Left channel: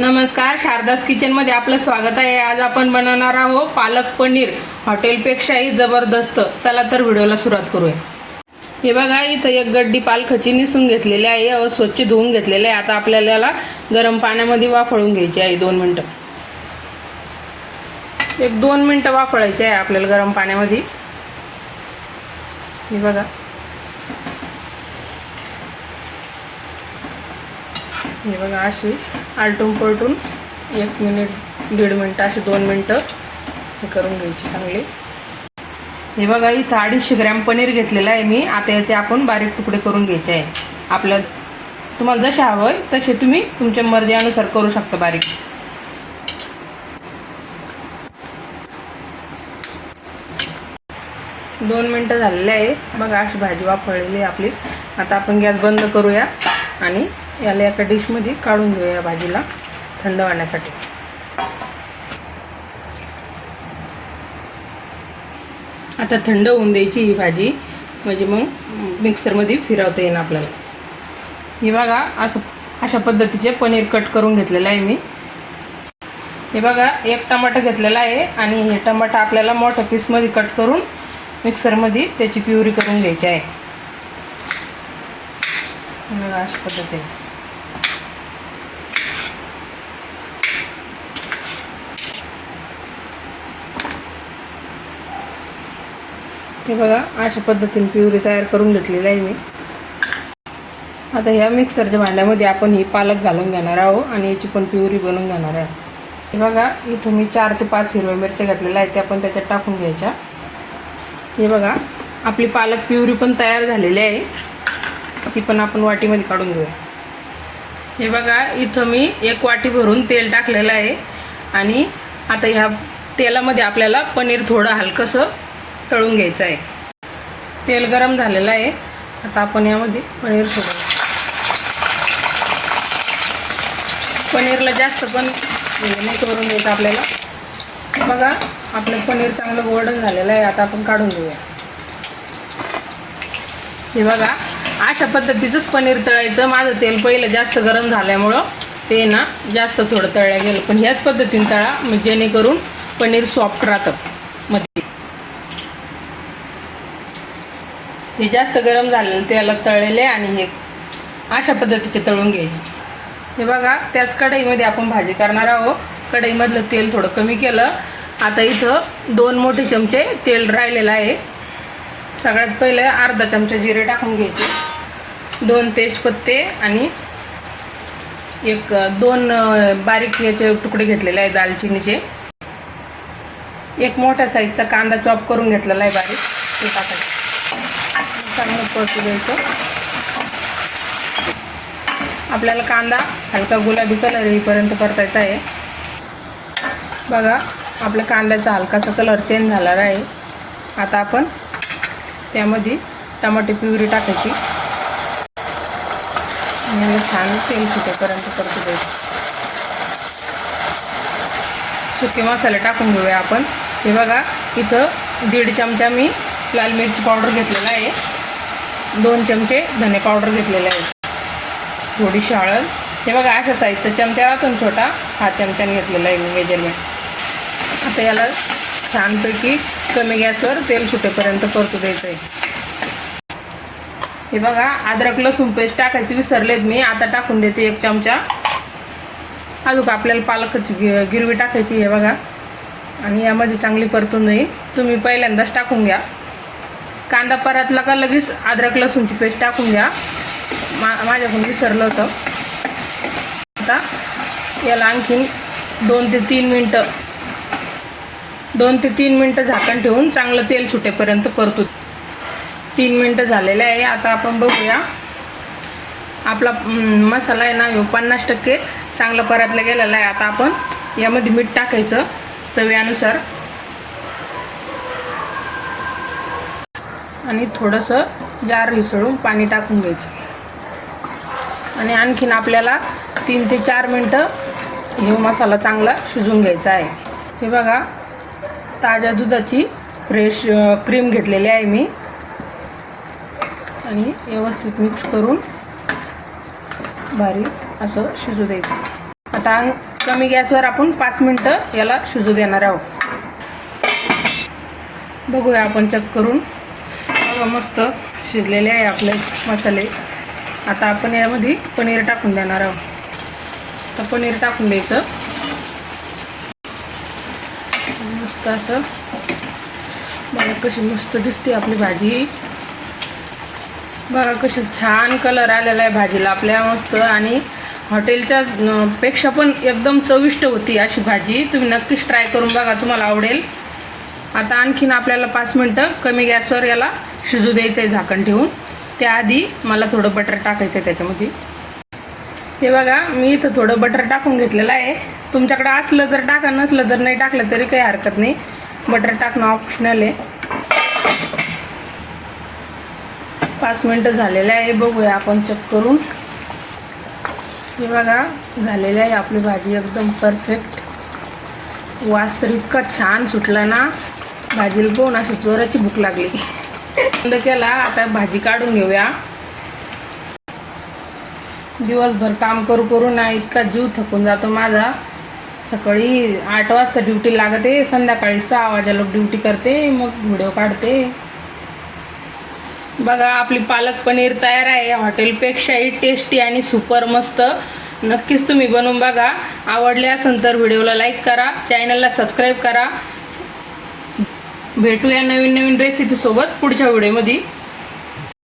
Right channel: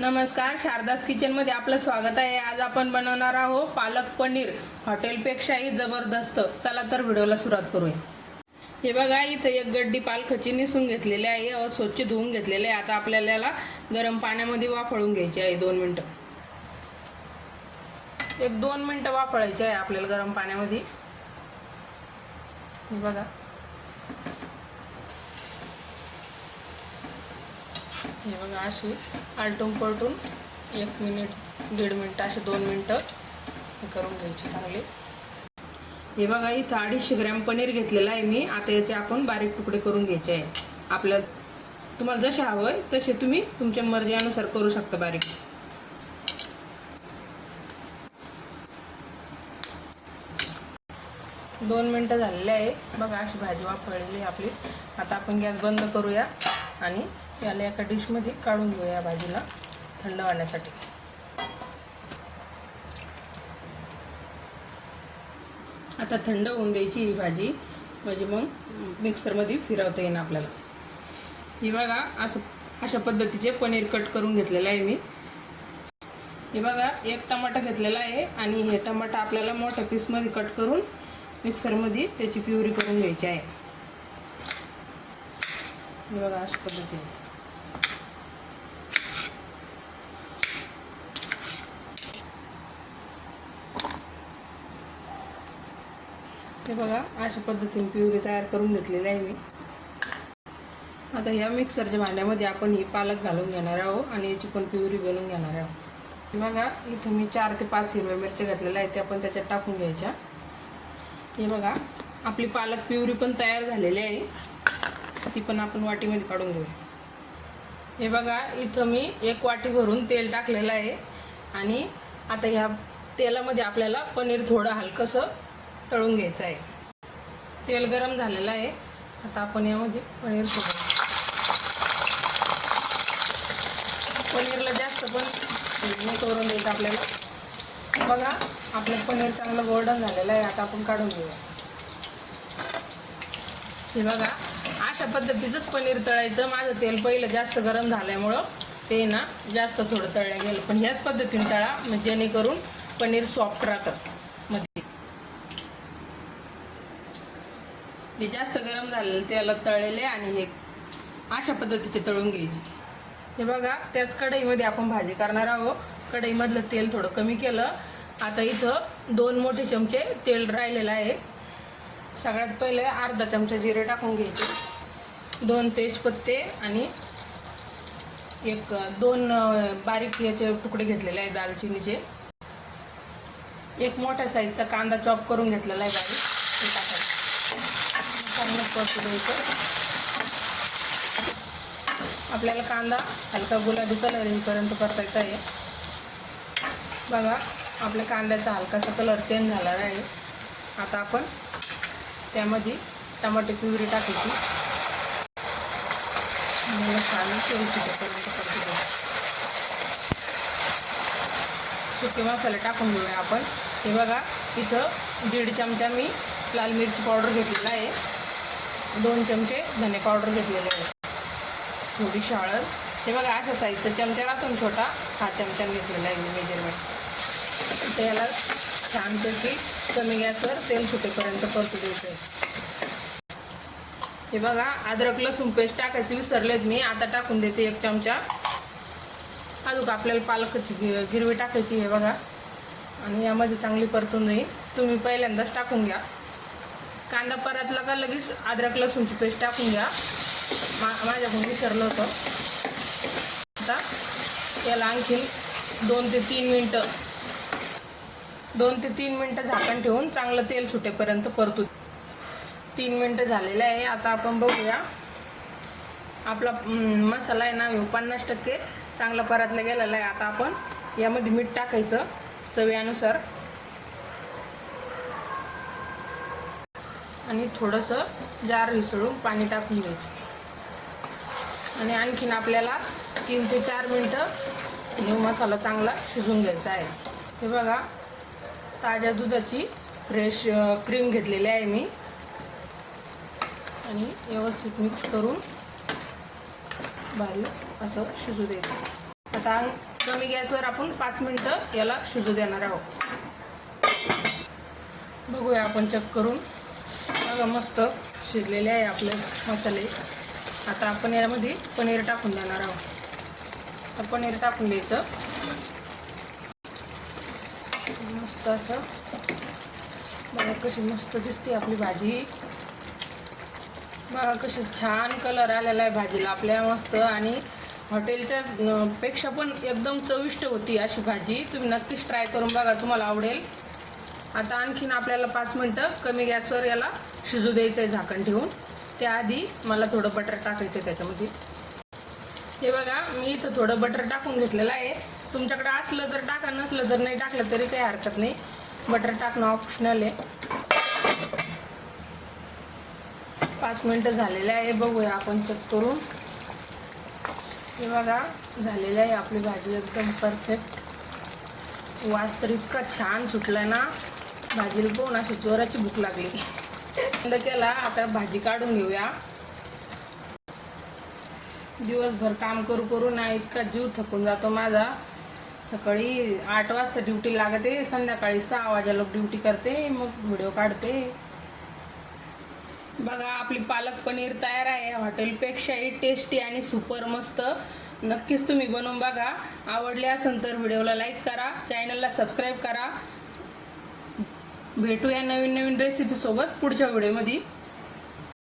नमस्कार शारदास किचनमध्ये आपलं स्वागत आहे. आज आपण बनवणार आहोत पालक पनीर. हॉटेलपेक्षाही जबरदस्त. चला तर व्हिडिओला सुरुवात करूया. हे बघा इथं एक गड्डी पालखाची निसून घेतलेली आहे. व स्वच्छ धुवून घेतलेले आहे. आता आपल्याला गरम पाण्यामध्ये वाफळून घ्यायची आहे. दोन मिनटं. एक दोन मिनटं वाफळायची आहे आपल्याला गरम पाण्यामध्ये. हे बघा. हे बघा अशी आलटून पलटून एक मिनिट दीड मिनटं अशी दोन मिनटं हे करून घ्यायची चांगली. हे बघा इथं अडीचशे ग्रॅम पनीर घेतलेलं आहे मी. आता याचे आपण बारीक तुकडे करून घ्यायचे आहे. आपलं तुम्हाला जसे हवं आहे तसे तुम्ही तुमच्या मर्जीनुसार करू शकता बारीक. दोन मिनटं झालेले आहे. बघा अशी भाजी वापरलेली आहे आपली. आता आपण गॅस बंद करूया आणि याला एका डिशमध्ये काढून घेऊया या भाजीला थंड होण्यासाठी आता थंड होऊन द्यायची ही भाजी. म्हणजे मग मिक्सरमध्ये फिरवता येईल आपल्याला. हे बघा असं अशा पद्धतीचे पनीर कट करून घेतलेलं आहे मी. हे बघा एक टमाटर घेतलेला आहे आणि हे टमाटा आपल्याला मोठ्या पीसमध्ये कट करून मिक्सरमध्ये त्याची प्युरी करून घ्यायची आहे. बघा अशा पद्धतीने. हे बघा अशा पद्धतीने प्युरी तयार करून घेतलेली आहे मी. आता ह्या मिक्सरच्या भांड्यामध्ये आपण ही पालक घालून घेणार आहोत आणि याची पण प्युरी बनवून घेणार आहे हे बघा इथं मी चार ते पाच हिरव्या मिरच्या घातलेल्या आहेत त्या पण त्याच्यात टाकून घ्यायच्या. हे बघा आपली पालक प्युरी पण तयार झालेली आहे. ती पण आपण वाटीमध्ये काढून घेऊया. हे बघा इथं मी एक वाटी भरून तेल टाकलेलं आहे. आणि आता ह्या तेलामध्ये आपल्याला पनीर थोडं हलकंसं तळून घ्यायचं आहे. तेल गरम झालेलं आहे. आता आपण यामध्ये पनीर सोडूया पनीरला जास्त पण नाही करून द्यायचं आपल्याला. बघा आपलं पनीर चांगलं गोल्डन झालेलं आहे. आता आपण काढून घेऊया. हे बघा अशा पद्धतीचंच पनीर तळायचं. माझं तेल पहिलं जास्त गरम झाल्यामुळं ते ना जास्त थोडं तळल्या गेलं. पण ह्याच पद्धतीने तळा जेणेकरून पनीर सॉफ्ट राहतं. हे जास्त गरम झालेलं तेला तळलेले आणि हे अशा पद्धतीचे तळून घ्यायचे. हे बघा त्याच कढईमध्ये आपण भाजी करणार आहोत. कढईमधलं तेल थोडं कमी केलं. आता इथं दोन मोठे चमचे तेल राहिलेलं आहे. सगळ्यात पहिले अर्धा चमचा जिरे टाकून घ्यायचे. दोन तेजपत्ते आणि एक दोन बारीक याचे तुकडे घेतलेले आहे दालचिनीचे. एक मोठ्या साईजचा कांदा चॉप करून घेतलेला आहे बारीक. ते टाकायचं. चांगलं परतू द्यायचं. आपल्याला कांदा हलका गुलाबी कलर येईपर्यंत परतायचा आहे. बघा आपल्या कांद्याचा हलकासा कलर चेंज झालेला आहे. आता आपण त्यामध्ये टमाटे प्युरी टाकायची. आणि छान तेल सुटेपर्यंत परतू द्यायचं. सुके मसाले टाकून घेऊया आपण. हे बघा इथं दीड चमचा मी लाल मिरची पावडर घेतलेला आहे. दोन चमचे धने पावडर घेतलेले आहेत. थोडीशी हळद हे बघा अशा साईजचा चमचा राहतो छोटा हा चमच्याने घेतलेला आहे मी मेजरमेंट आता याला छानपैकी कमी गॅसवर तेल सुटेपर्यंत परतू द्यायचं आहे हे बघा अद्रक लसूण पेस्ट टाकायची विसरलेत मी. आता टाकून देते एक चमचा. अजून आपल्याला पालकाची गिरवी टाकायची आहे बघा. आणि यामध्ये चांगली परतून जाईल तुम्ही पहिल्यांदाच टाकून घ्या. कांदा परतला का लगेच अद्रक लसूणची पेस्ट टाकून घ्या. मा माझ्याकडून विसरलं होतं. आता याला आणखीन दोन ते तीन मिनटं दोन ते तीन मिनटं झाकण ठेवून चांगलं तेल सुटेपर्यंत परतू. तीन मिनटं झालेले आहे. आता आपण बघूया. आपला मसाला आहे ना ह्यो पन्नास टक्के चांगला परतला गेलेला आहे. आता आपण यामध्ये मीठ टाकायचं चवीनुसार. आणि थोडंसं जार हिसळून पाणी टाकून घ्यायचं. आणि आणखीन आपल्याला तीन ते चार मिनटं हे मसाला चांगला शिजून घ्यायचा आहे. हे बघा ताज्या दुधाची फ्रेश क्रीम घेतलेली आहे मी. आणि व्यवस्थित मिक्स करून बारीक असं शिजू द्यायचं. आता कमी गॅसवर आपण पाच मिनटं याला शिजू देणार आहोत. बघूया आपण चेक करून बघा मस्त शिजलेले आहे आपले मसाले. आता आपण यामध्ये पनीर टाकून देणार आहोत. तर पनीर टाकून द्यायचं. मस्त असं. बघा कशी मस्त दिसते आपली भाजी. बघा कशी छान कलर आलेला आहे भाजीला आपल्या मस्त. आणि हॉटेलच्या पेक्षा पण एकदम चविष्ट होती अशी भाजी. तुम्ही नक्कीच ट्राय करून बघा तुम्हाला आवडेल. आता आणखीन आपल्याला पाच मिनटं कमी गॅसवर याला शिजू द्यायचं आहे झाकण ठेवून. त्याआधी मला थोडं बटर टाकायचं आहे त्याच्यामध्ये. हे बघा मी इथं थोडं बटर टाकून घेतलेलं आहे. तुमच्याकडे असलं तर टाका नसलं जर नाही टाकलं तरी काही हरकत नाही. बटर टाकणं ऑप्शनल आहे. पाच मिनटं झालेलं आहे बघूया आपण चेक करून. हे बघा झालेलं आहे आपली भाजी एकदम परफेक्ट वास तर इतका छान सुटला ना. भाजीला पोहून अशी जोराची भूक लागली. बंद केला. आता भाजी काढून घेऊया. दिवसभर काम करू करू ना इतका जीव थकून जातो माझा. सकाळी आठ वाजता ड्युटी लागते संध्याकाळी सहा वाजेला ड्युटी करते मग व्हिडिओ काढते. बघा आपली पालक पनीर तयार आहे. हॉटेलपेक्षाही टेस्टी आणि सुपर मस्त. नक्कीच तुम्ही बनवून बघा. आवडले असेल तर व्हिडिओला लाईक करा. चॅनलला सबस्क्राईब करा. भेटूया नवीन नवीन रेसिपीसोबत पुढच्या व्हिडिओमध्ये